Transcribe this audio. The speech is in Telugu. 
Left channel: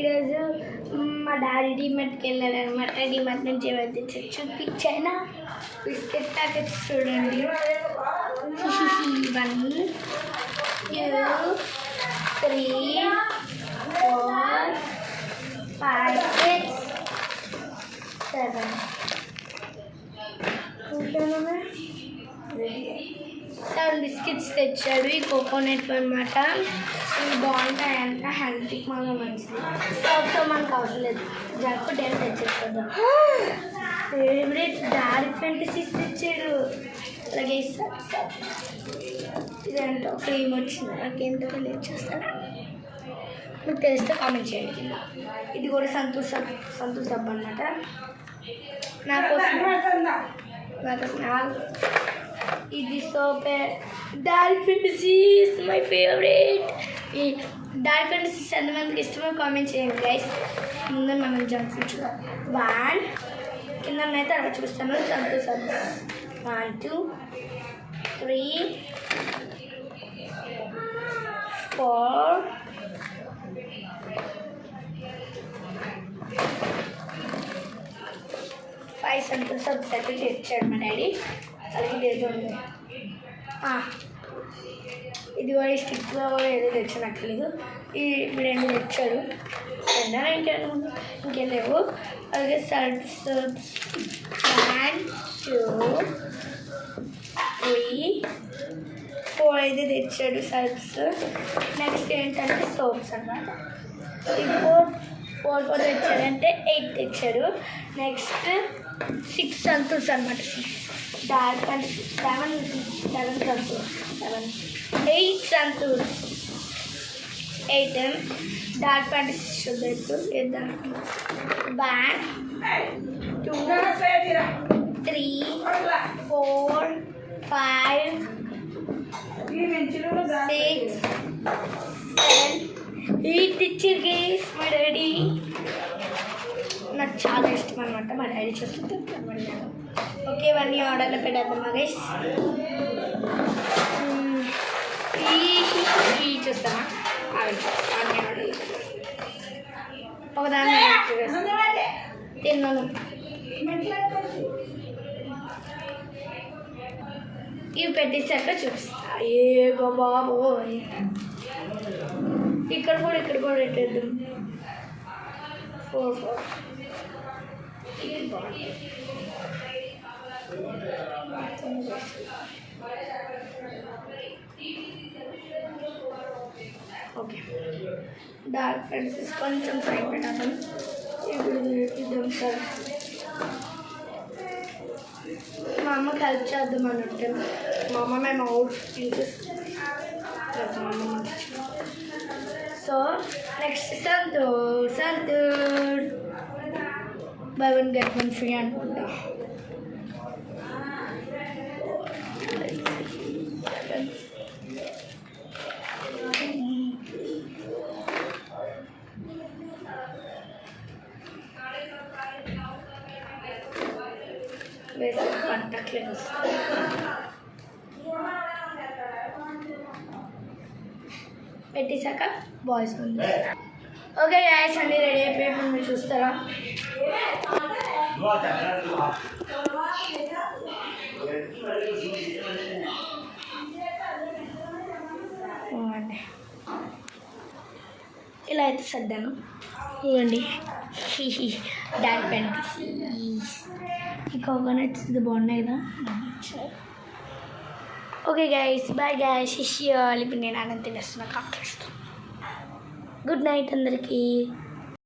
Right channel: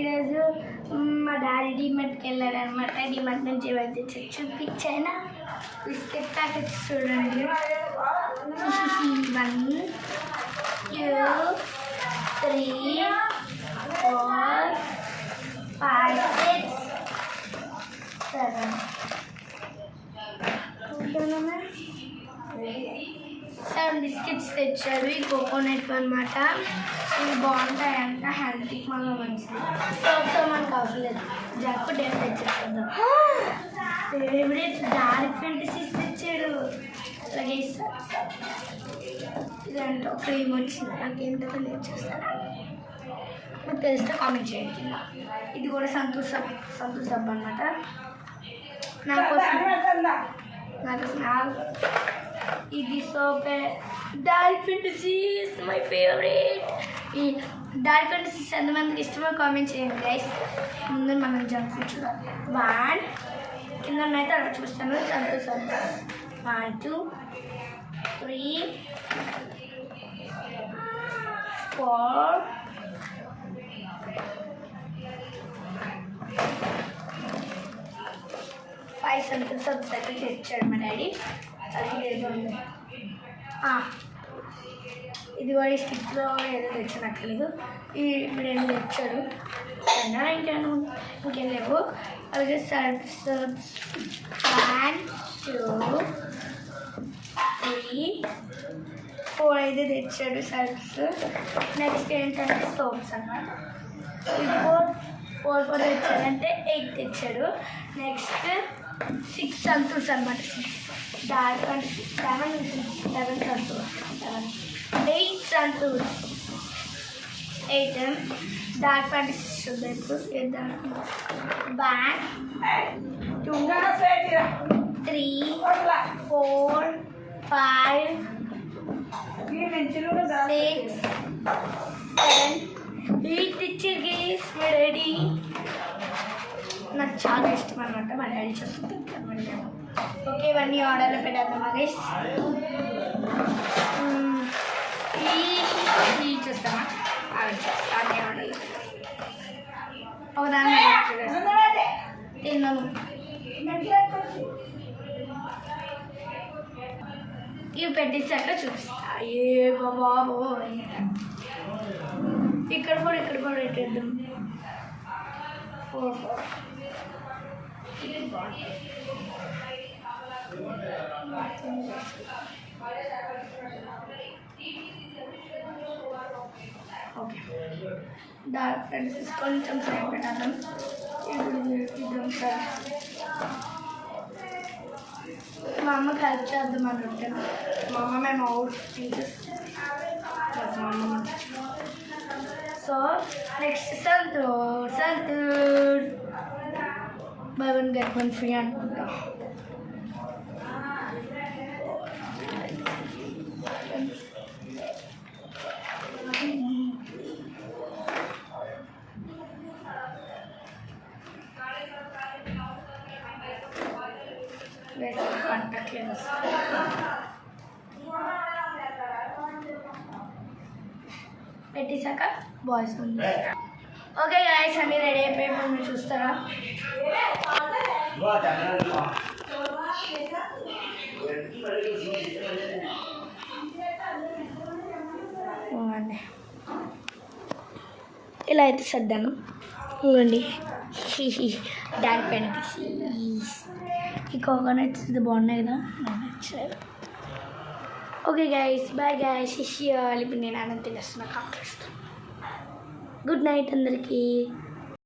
ఈరోజు మా డాడీ డిమార్ట్కి వెళ్ళాడు అనమాట. డిమార్ట్ నుంచి ఏమైతే చూపించాయినా బిస్కెట్ ప్యాకెట్స్ చూడండి. 1 2 3 4 5 6 7 బిస్కెట్స్ తెచ్చాడు. ఈ కోకోనట్ అనమాట. ఇవి బాగుంటాయంట, హెల్త్కి మళ్ళీ మంచిది. సో మనకు అవసరం లేదు, జంక్ ఫుడ్ ఏమి తెచ్చేస్తుందా. ఫేవరెట్ డార్క్ ఫెంటసీస్ తెచ్చాడు. అలాగే ఇదంతా క్రీమ్ వచ్చింది, నాకేంటో లేదు చేస్తాను. మీకు తెలిస్తే కామెంట్ చేయండి. ఇది కూడా సంతూర్ సబ్ అనమాట. నాకోసం ఇది సోపే. Dark fantasies my favourite. ఈ డార్క్ ఫెంటసీస్ ఎంతమందికి ఇష్టమో కామెంట్ చేయండి గైస్. ముందు మనం జంక్ ఫుడ్ చూద్దాం. 1 కింద అయితే అలా చూస్తాను. Santoor sub 1 2 3 4 5 Santoor sub settle తెచ్చాడు మా డాడీ. అలాగే ఇది కూడా ఈ స్టిక్లో ఏదో తెచ్చినట్లేదు. ఈ 2 తెచ్చాడు. ఇంకేం లేవు. అలాగే సర్ఫ్స్ 1 2 3 4 అయితే తెచ్చాడు సర్ఫ్స్. నెక్స్ట్ ఏంటంటే సోప్స్ అన్నమాట. ఇది 4 తెచ్చాడు, అంటే 8 తెచ్చాడు. నెక్స్ట్ 6 సంతూర్స్ అనమాట. 6 డార్క్ అంటే 7 సంతూర్ 8 సంతూర్స్ 8 డార్క్ ఫ్యాంటసీ చూద్దాం ఇప్పుడు. 1 2 3 4 5 6 7 8 తెచ్చారు గైస్ మా డాడీ. నాకు చాలా ఇష్టం అనమాట. మా డాడీ చూస్తుంటాను. ఓకే, ఇవన్నీ ఆర్డర్లో పెట్టేద్దామా గైస్. ఈ చూస్తామా అన్నీ ఆర్డర్లో ఒకదాన్ని తిన్నాను. ఇవి పెట్టేసాక చూపిస్తా. ఏ బాబోయ్, ఇక్కడ కూడా పెట్టేద్దాం. 4 ఓకే. డార్క్ ఫ్యాంటసీస్ కొంచెం సైడ్ పెట్టాను. ఇప్పుడు ఇద్దాం సార్. మా అమ్మకి హెల్ప్ చేద్దాం అన్నట్టు. మా అమ్మ మేము out interest. So next Santoor by 1 get 1 free అనుకుంటా. పట్టట్లేదు. పెట్టేశాక బాయ్స్ ఉంది. ఓకే గైస్, అన్నీ రెడీ అయిపోయి మీరు చూస్తారా. ఇలా అయితే సర్దాను. చూడండి, డార్క్ ఫ్యాంటసీస్. ఈ కోకోనట్స్ ఇది బాగున్నాయి కదా. Okay guys, bye guys. ఇప్పుడు నేను అన్నం తినేస్తున్నా. కాకలిస్తాను. గుడ్ నైట్ అందరికీ.